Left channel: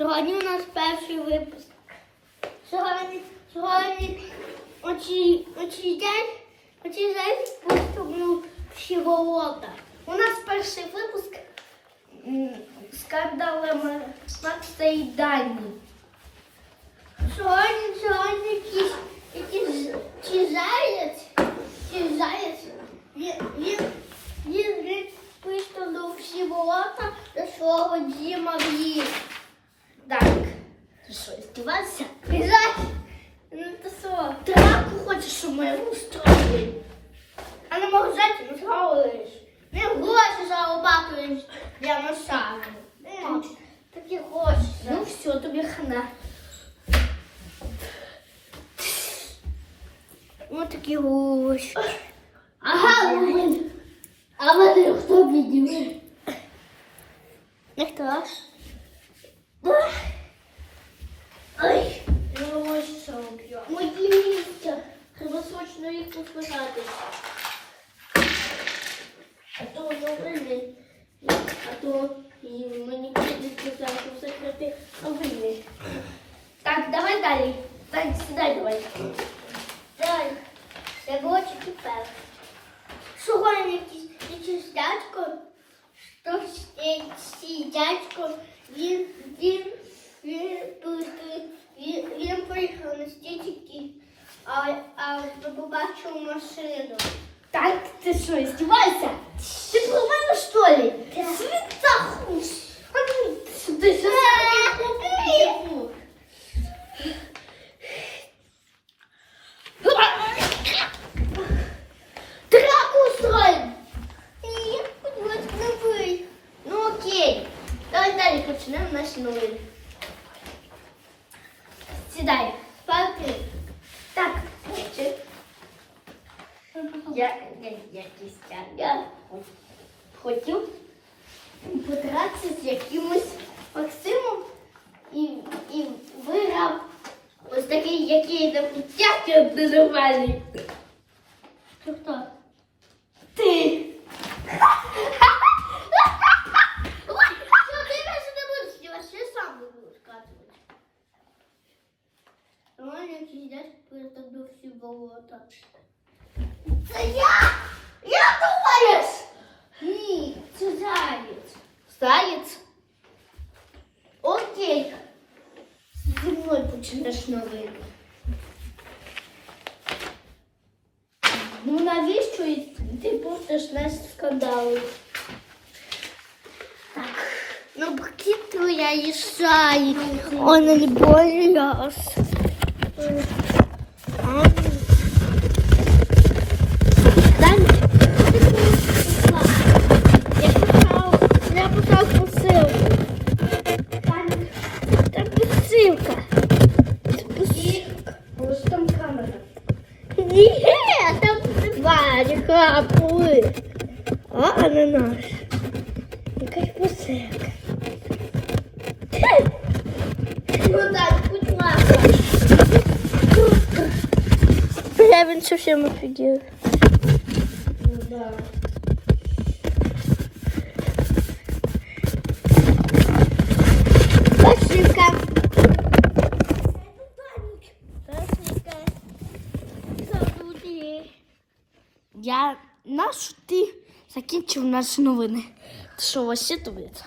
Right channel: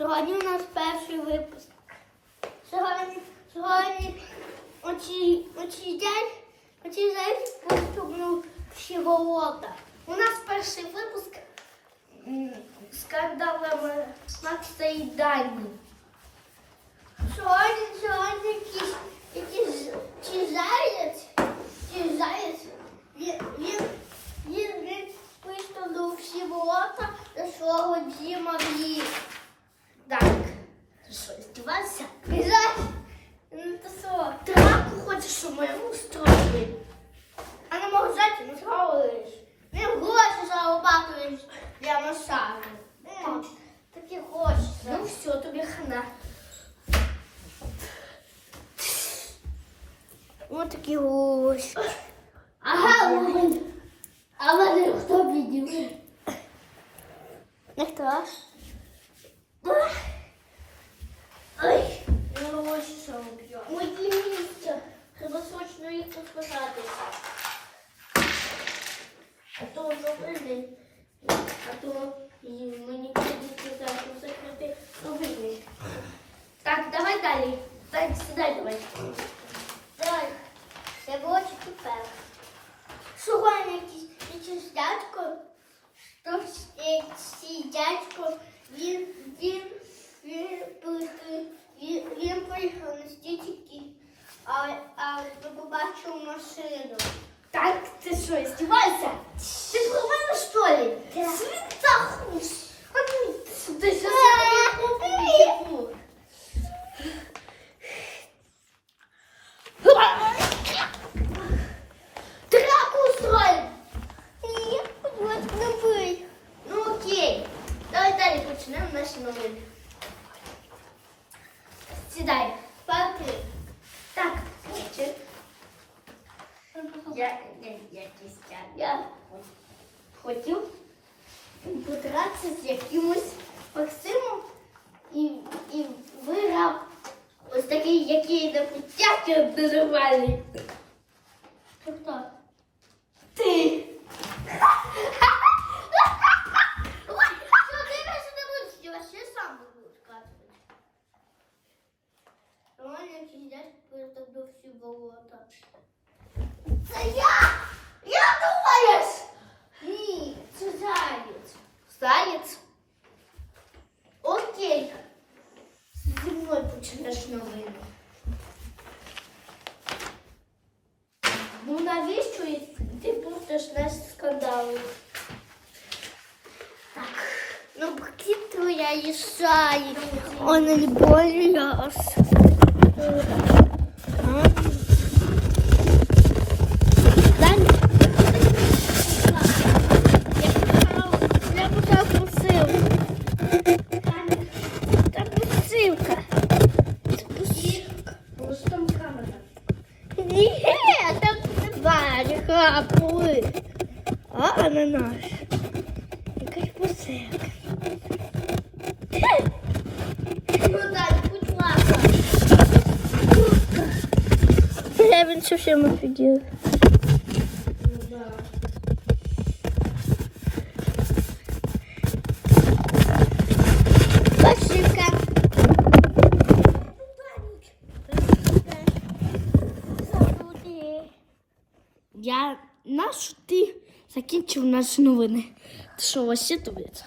Сьогодні у нас перший випуск. Сьогодні, сьогодні оці, оці день, оці день поступлю всі болота. У нас перший випуск м, скандалами Макса і Дані. Сьогодні, сьогодні якийсь, якийсь чи заєць, чи заєць, він, він, він, він виставив всі болота до свого діма в ліс. Так. Ти що, здівався? Знаєш, ну то що, драку хочеш, щоб ми устроїли? А на магазині не зговориш. Не гроші зарабатуєш для машини. Такі гроші. Ну все, тобі хана. Ось такі гроші. Ага, вони. А вони хто бідів? Ніхто. ну що б'є? Мої місця. Треба срочно їх позбирати. А то забили. А то і мені прийдеться зараз закрити новини. Так, давай далі. Так, сідай давай. Так, це було тепер. Сьогодні якийсь, якийсь дядько, що цей дядько, він, він, він, він, він, він приїхав на стільки, а, а побачив машину. Так, ти що, здівайся? Ти про мене, що ли? Світахуш! А ну, сюди, сюди. Драку устроим! Ну окей. Давай далі почнемо наші новини. Сідай. я якийсь я хотів потратися з якимось Максимом і і виграв ось такий, який на путях ненормальний. Тобто ти. Ладно, я тебе перетягну всі болота. Це я! Я думаєш? Ні, це заєць. Заєць? Окей. Зі мною почнеш новини. Ну навіщо і ти пустиш наш скандали? Так, ну где твоя ешай? Он не бояс. тварі хапули. А ананас. Якась посилка. Ну так, будь ласка. Я він совсем офігел. Ну да. Я наш ти закінчив наші новини. Ти що, вообще тулиться?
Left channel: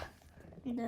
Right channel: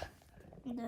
Да.